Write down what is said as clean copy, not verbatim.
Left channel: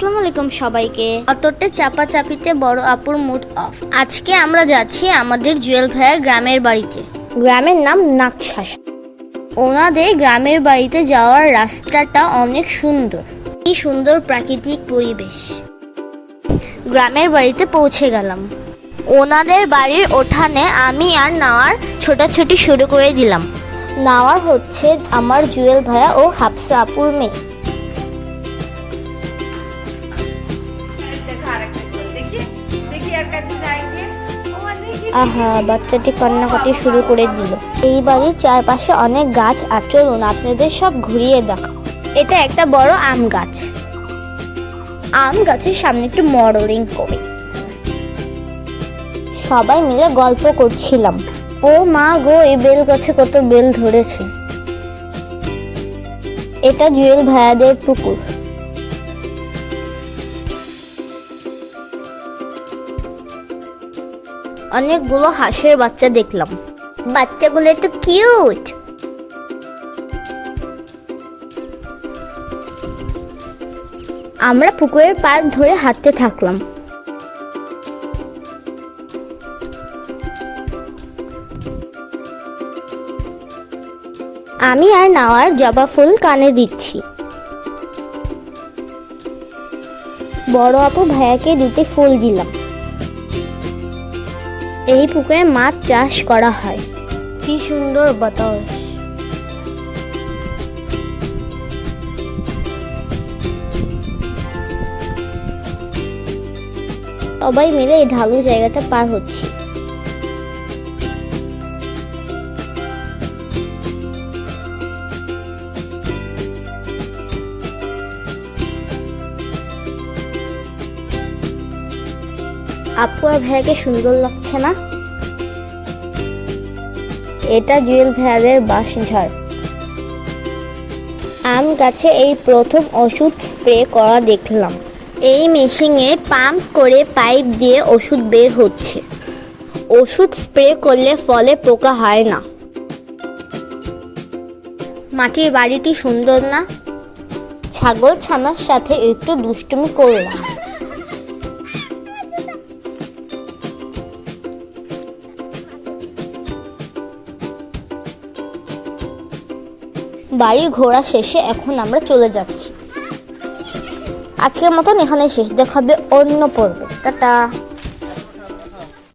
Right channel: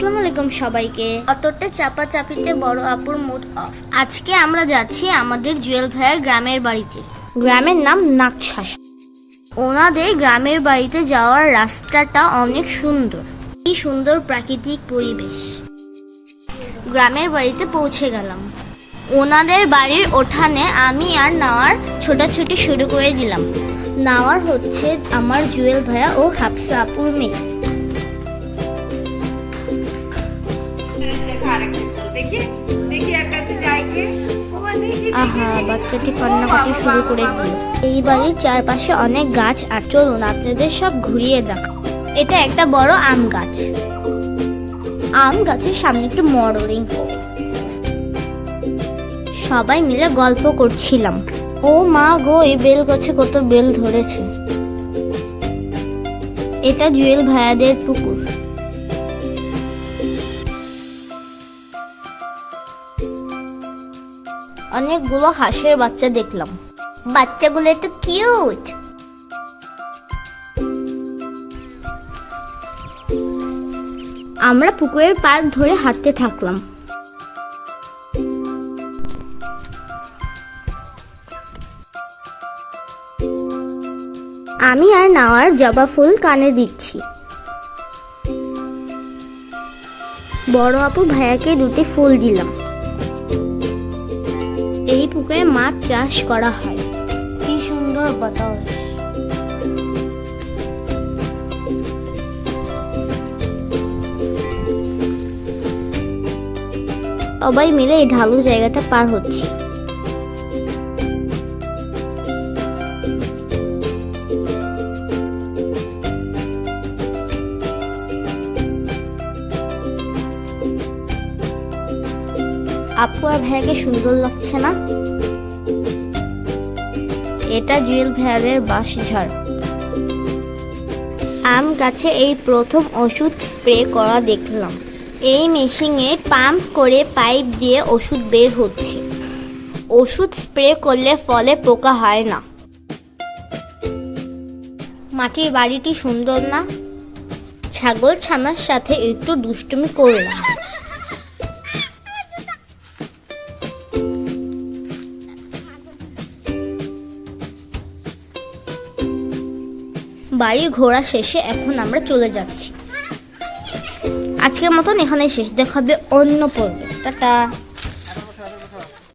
আসসালামু আলাইকুম সবাইকে। অতটা চাপাচাপিতে বড় আপুর মুড অফ। আজকে আমরা যাচ্ছি আমাদের জুয়েল ভাইয়ের গ্রামের বাড়িতে। গ্রামের নাম নাকশাসা। ওনাদের গ্রামের বাড়িতে যাওয়ার রাস্তাটা অনেক সুন্দর। কি সুন্দর প্রাকৃতিক পরিবেশ। গ্রামের বাড়িতে পৌঁছে গেলাম। ওনাদের বাড়ির উঠানে আমি আর নাওয়ার ছোটাছুটি শুরু করে দিলাম। নাওয়ার হচ্ছে আমার জুয়েল ভাইয়া ও হাফসা আপুর মেয়ে। আহা, বাচ্চাটি কান্নাকাটি শুরু করে দিল। এই বাড়ির চারপাশে অনেক গাছ, আর চলুন আপনাদের সব ঘুরিয়ে দেখাও। এটা একটা বড় আম গাছ। আম গাছের সামনে একটু মডেলিং করে সবাই মিলে গল্প করছিলাম। ও মা গো, এই বেল গাছে কত বেল ধরেছে। এটা জুয়েল ভাইয়াদের পুকুর। অনেকগুলো হাঁসের বাচ্চা দেখলাম। বাচ্চাগুলো একটু কিউট। আমরা পুকুরের পাড় ধরে হাঁটতে থাকলাম। আমি আর নাওয়ার জবা ফুল কানে দিচ্ছি। বড় আপু ভাইয়াকে দুটো ফুল দিলাম। এই পুকুরে মাছ চাষ করা হয়। কি সুন্দর বাতাস। সবাই মিলে এই ঢালু জায়গাটা পার হচ্ছে। আপু আর ভাইয়াকে সুন্দর লাগছে না? এটা জুয়েল ভাইয়াদের বাঁশঝাড়। আম গাছে এই প্রথম ওষুধ স্প্রে করা দেখলাম। এই মেশিনে পাম্প করে পাইপ দিয়ে ওষুধ বের হচ্ছে। ওষুধ স্প্রে করলে ফলে পোকা হয় না। মাটির বাড়িটি সুন্দর না? ছাগল ছানার সাথে একটু দুষ্টুমি করলাম। বাড়ি ঘোরা শেষে এখন আমরা চলে যাচ্ছি। আজকের মতন এখানে শেষ। দেখা হবে অন্য পর্বে। টাটা।